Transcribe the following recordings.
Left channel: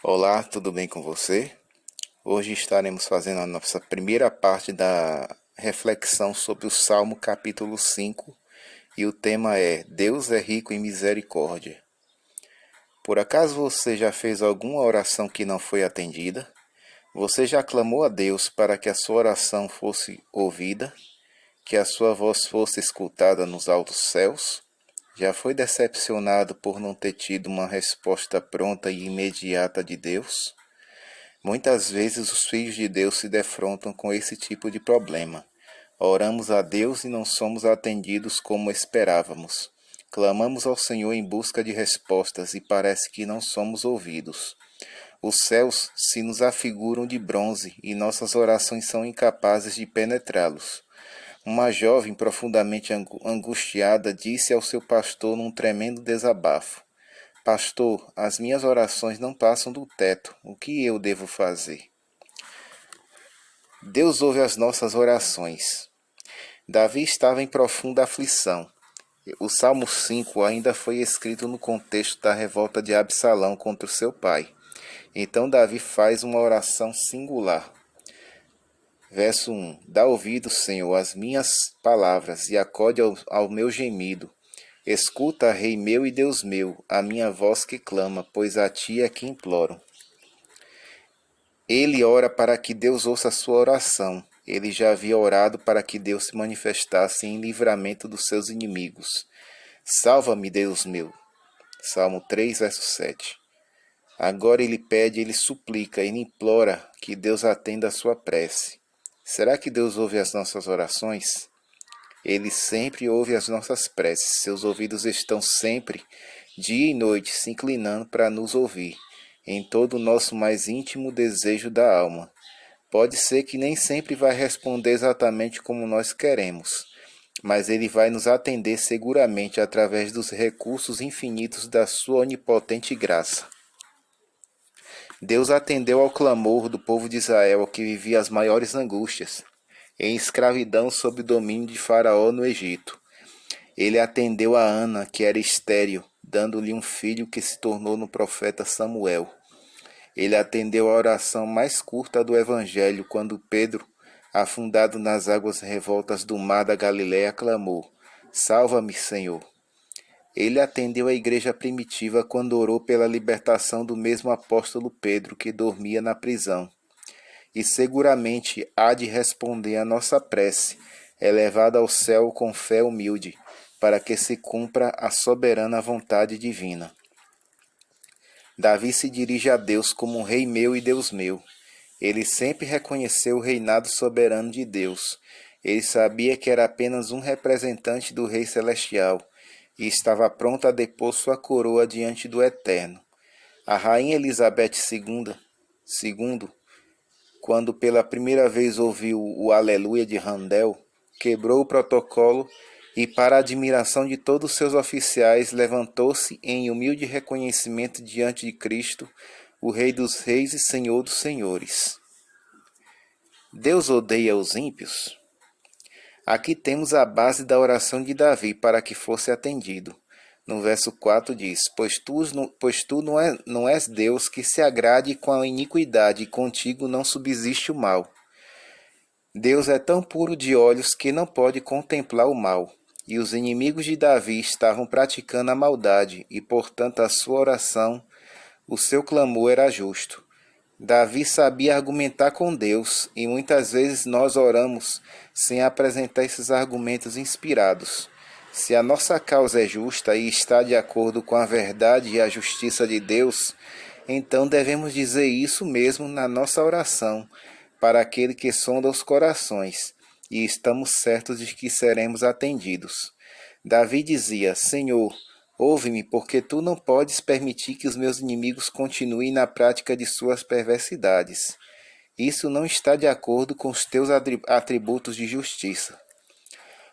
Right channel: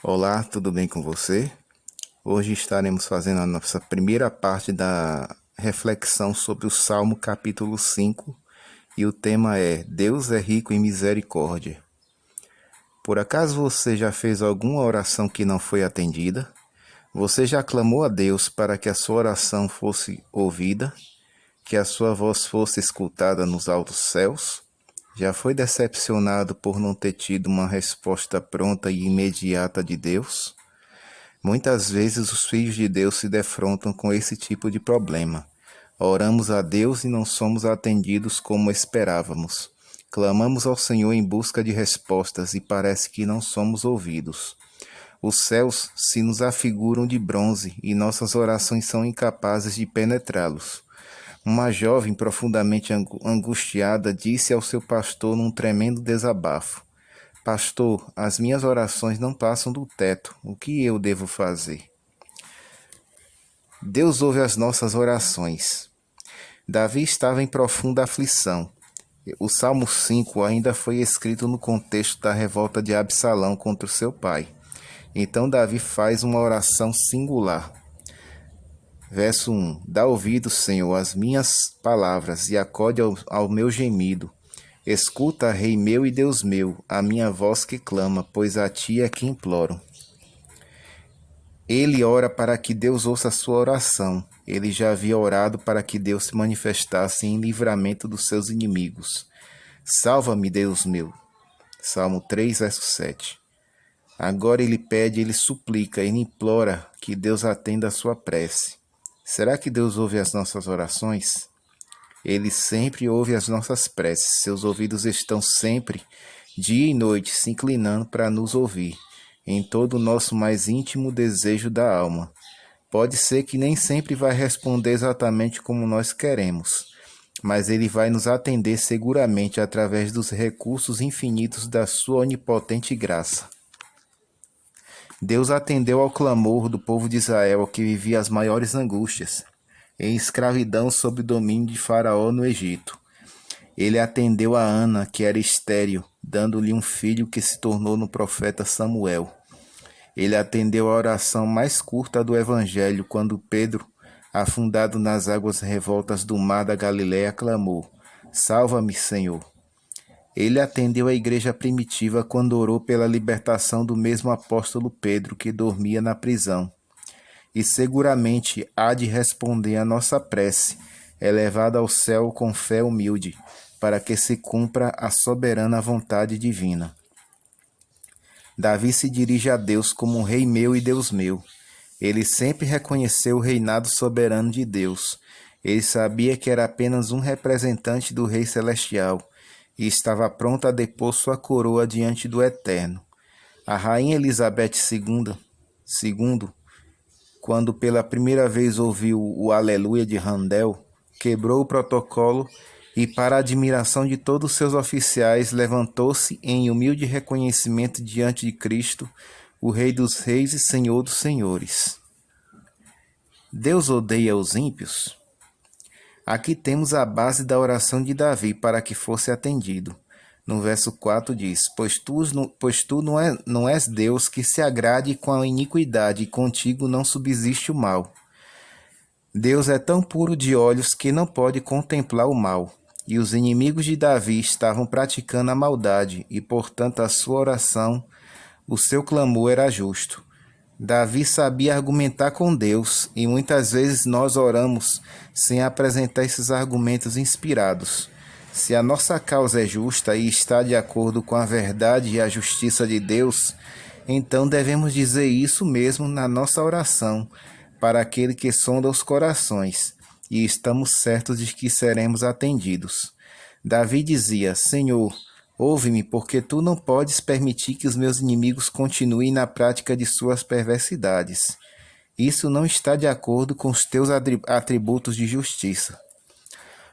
Olá, tudo bem com você? Hoje estaremos fazendo a nossa primeira parte da reflexão sobre o Salmo capítulo 5 e o tema é Deus é rico em misericórdia. Por acaso você já fez alguma oração que não foi atendida? Você já clamou a Deus para que a sua oração fosse ouvida, que a sua voz fosse escutada nos altos céus? Já foi decepcionado por não ter tido uma resposta pronta e imediata de Deus? Muitas vezes os filhos de Deus se defrontam com esse tipo de problema. Oramos a Deus e não somos atendidos como esperávamos. Clamamos ao Senhor em busca de respostas e parece que não somos ouvidos. Os céus se nos afiguram de bronze e nossas orações são incapazes de penetrá-los. Uma jovem profundamente angustiada disse ao seu pastor num tremendo desabafo: Pastor, as minhas orações não passam do teto. O que eu devo fazer? Deus ouve as nossas orações. Davi estava em profunda aflição. O Salmo 5 ainda foi escrito no contexto da revolta de Absalão contra o seu pai. Então Davi faz uma oração singular. Verso 1: Dá ouvido, Senhor, às minhas palavras e acode ao meu gemido. Escuta, Rei meu e Deus meu, a minha voz que clama, pois a ti é que imploro. Ele ora para que Deus ouça a sua oração. Ele já havia orado para que Deus se manifestasse em livramento dos seus inimigos. Salva-me, Deus meu. Salmo 3, verso 7. Agora ele pede, ele suplica, ele implora que Deus atenda a sua prece. Será que Deus ouve as nossas orações? Ele sempre ouve as nossas preces. Seus ouvidos estão sempre, dia e noite, se inclinando para nos ouvir, em todo o nosso mais íntimo desejo da alma. Pode ser que nem sempre vai responder exatamente como nós queremos, mas ele vai nos atender seguramente através dos recursos infinitos da sua onipotente graça. Deus atendeu ao clamor do povo de Israel que vivia as maiores angústias, em escravidão sob o domínio de Faraó no Egito. Ele atendeu a Ana, que era estéril, dando-lhe um filho que se tornou no profeta Samuel. Ele atendeu a oração mais curta do Evangelho quando Pedro, afundado nas águas revoltas do mar da Galiléia, clamou: Salva-me, Senhor. Ele atendeu a igreja primitiva quando orou pela libertação do mesmo apóstolo Pedro que dormia na prisão. E seguramente há de responder a nossa prece, elevada ao céu com fé humilde, para que se cumpra a soberana vontade divina. Davi se dirige a Deus como Rei meu e Deus meu. Ele sempre reconheceu o reinado soberano de Deus. Ele sabia que era apenas um representante do Rei Celestial e estava pronto a depor sua coroa diante do Eterno. A rainha Elizabeth II, quando pela primeira vez ouviu o Aleluia de Handel, quebrou o protocolo e, para a admiração de todos os seus oficiais, levantou-se em humilde reconhecimento diante de Cristo, o Rei dos Reis e Senhor dos Senhores. Deus odeia os ímpios? Aqui temos a base da oração de Davi para que fosse atendido. No verso 4 diz: Pois tu não és Deus que se agrade com a iniquidade, e contigo não subsiste o mal. Deus é tão puro de olhos que não pode contemplar o mal. E os inimigos de Davi estavam praticando a maldade, e portanto a sua oração, o seu clamor era justo. Davi sabia argumentar com Deus, e muitas vezes nós oramos sem apresentar esses argumentos inspirados. Se a nossa causa é justa e está de acordo com a verdade e a justiça de Deus, então devemos dizer isso mesmo na nossa oração, para aquele que sonda os corações, e estamos certos de que seremos atendidos. Davi dizia: Senhor, ouve-me, porque tu não podes permitir que os meus inimigos continuem na prática de suas perversidades. Isso não está de acordo com os teus atributos de justiça.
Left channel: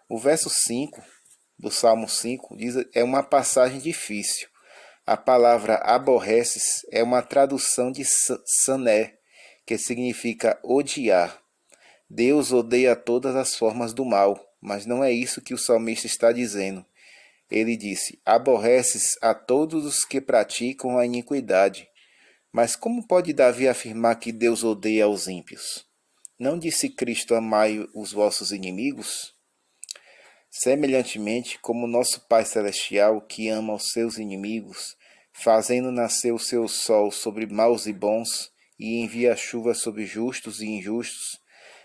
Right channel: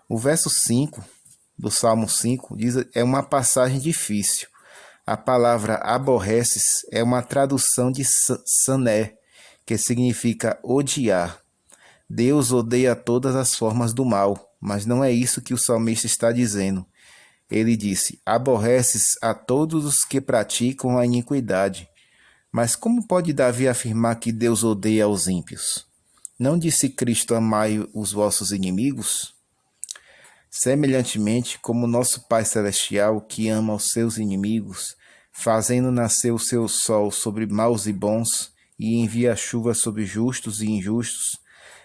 O verso 5 do Salmo 5 é uma passagem difícil. A palavra aborreces é uma tradução de sané, que significa odiar. Deus odeia todas as formas do mal, mas não é isso que o salmista está dizendo. Ele disse: aborreces a todos os que praticam a iniquidade. Mas como pode Davi afirmar que Deus odeia os ímpios? Não disse Cristo: amai os vossos inimigos? Semelhantemente, como nosso Pai Celestial, que ama os seus inimigos, fazendo nascer o seu sol sobre maus e bons, e envia chuva sobre justos e injustos,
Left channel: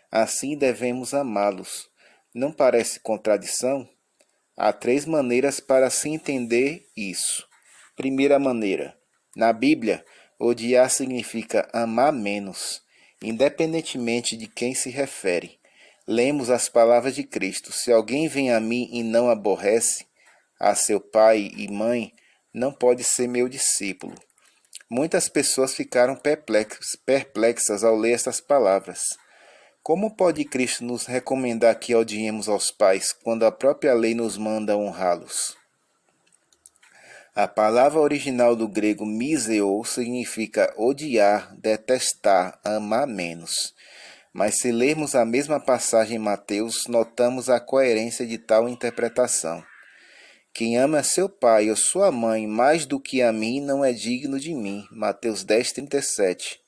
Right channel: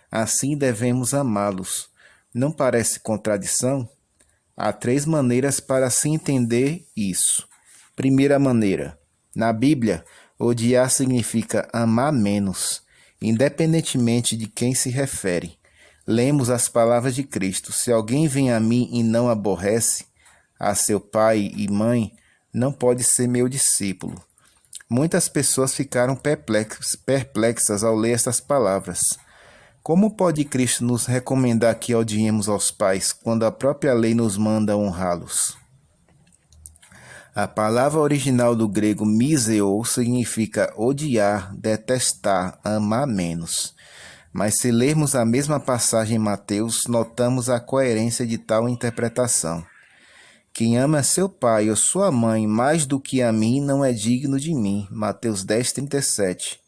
assim devemos amá-los. Não parece contradição? Há 3 maneiras para se entender isso. Primeira maneira: na Bíblia, odiar significa amar menos, independentemente de quem se refere. Lemos as palavras de Cristo: se alguém vem a mim e não aborrece a seu pai e mãe, não pode ser meu discípulo. Muitas pessoas ficaram perplexas ao ler essas palavras. Como pode Cristo nos recomendar que odiemos aos pais quando a própria lei nos manda honrá-los? A palavra original do grego miseo significa odiar, detestar, amar menos. Mas se lermos a mesma passagem em Mateus, notamos a coerência de tal interpretação. Quem ama seu pai ou sua mãe mais do que a mim não é digno de mim. Mateus 10:37.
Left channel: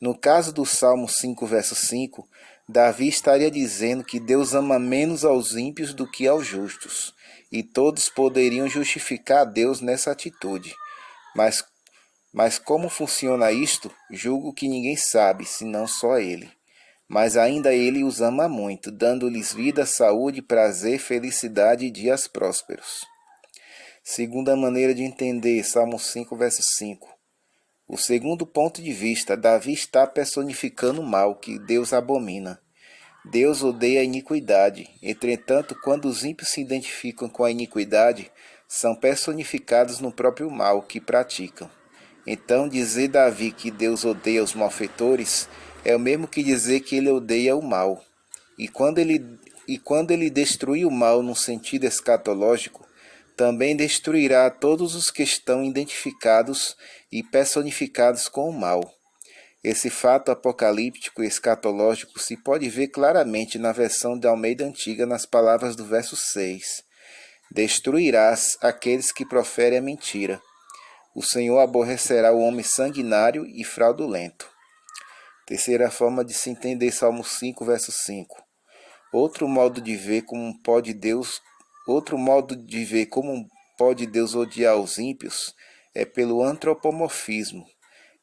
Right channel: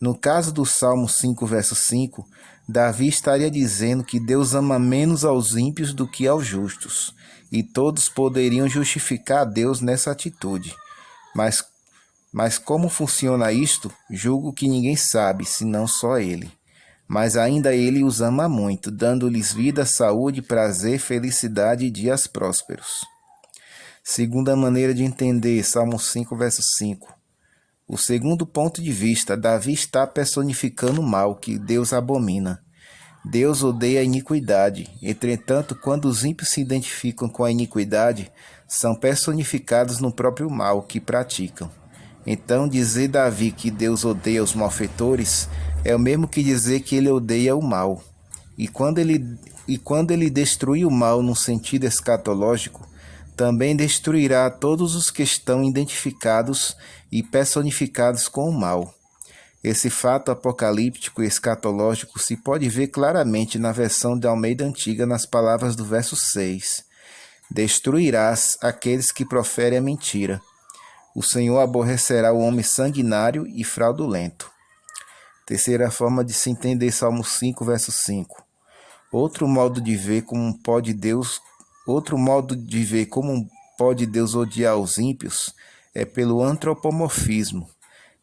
No caso do Salmo 5, verso 5, Davi estaria dizendo que Deus ama menos aos ímpios do que aos justos, e todos poderiam justificar a Deus nessa atitude. Mas, mas como funciona isto, julgo que ninguém sabe, senão só ele. Mas ainda ele os ama muito, dando-lhes vida, saúde, prazer, felicidade e dias prósperos. Segunda maneira de entender, Salmo 5, verso 5. O segundo ponto de vista, Davi está personificando o mal que Deus abomina. Deus odeia a iniquidade. Entretanto, quando os ímpios se identificam com a iniquidade, são personificados no próprio mal que praticam. Então, dizer Davi que Deus odeia os malfeitores é o mesmo que dizer que ele odeia o mal. E quando ele destruir o mal no sentido escatológico, também destruirá todos os que estão identificados e personificados com o mal. Esse fato apocalíptico e escatológico se pode ver claramente na versão de Almeida Antiga nas palavras do verso 6. Destruirás aqueles que proferem a mentira. O Senhor aborrecerá o homem sanguinário e fraudulento. Terceira forma de se entender Salmo 5, verso 5. Outro modo de ver como pode Deus odiar os ímpios é pelo antropomorfismo.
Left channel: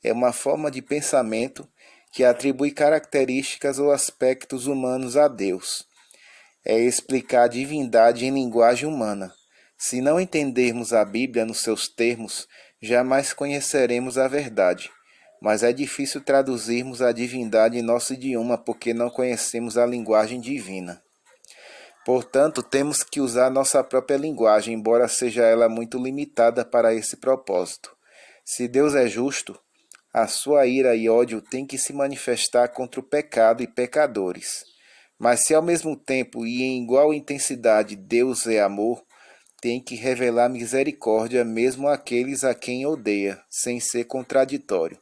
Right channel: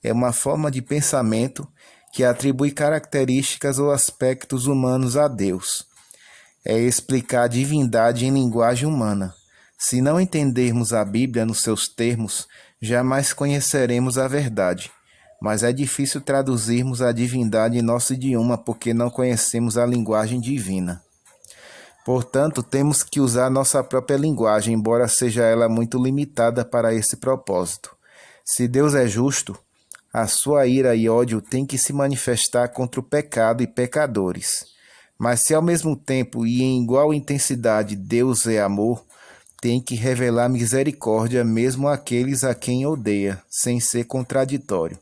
É uma forma de pensamento que atribui características ou aspectos humanos a Deus. É explicar a divindade em linguagem humana. Se não entendermos a Bíblia nos seus termos, jamais conheceremos a verdade. Mas é difícil traduzirmos a divindade em nosso idioma porque não conhecemos a linguagem divina. Portanto, temos que usar nossa própria linguagem, embora seja ela muito limitada para esse propósito. Se Deus é justo, a sua ira e ódio têm que se manifestar contra o pecado e pecadores. Mas se ao mesmo tempo e em igual intensidade Deus é amor, tem que revelar misericórdia mesmo àqueles a quem odeia, sem ser contraditório.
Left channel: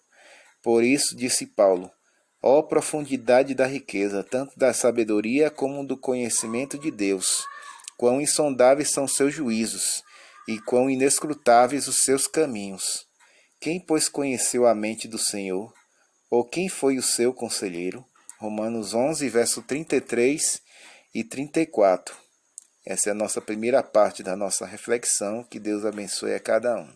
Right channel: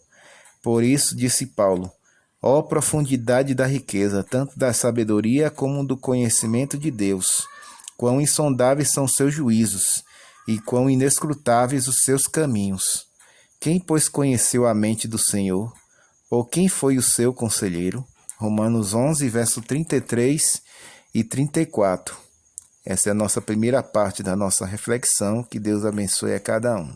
Por isso, disse Paulo, ó profundidade da riqueza, tanto da sabedoria como do conhecimento de Deus, quão insondáveis são seus juízos, e quão inescrutáveis os seus caminhos. Quem, pois, conheceu a mente do Senhor? Ou quem foi o seu conselheiro? Romanos 11, verso 33 e 34. Essa é a nossa primeira parte da nossa reflexão. Que Deus abençoe a cada um.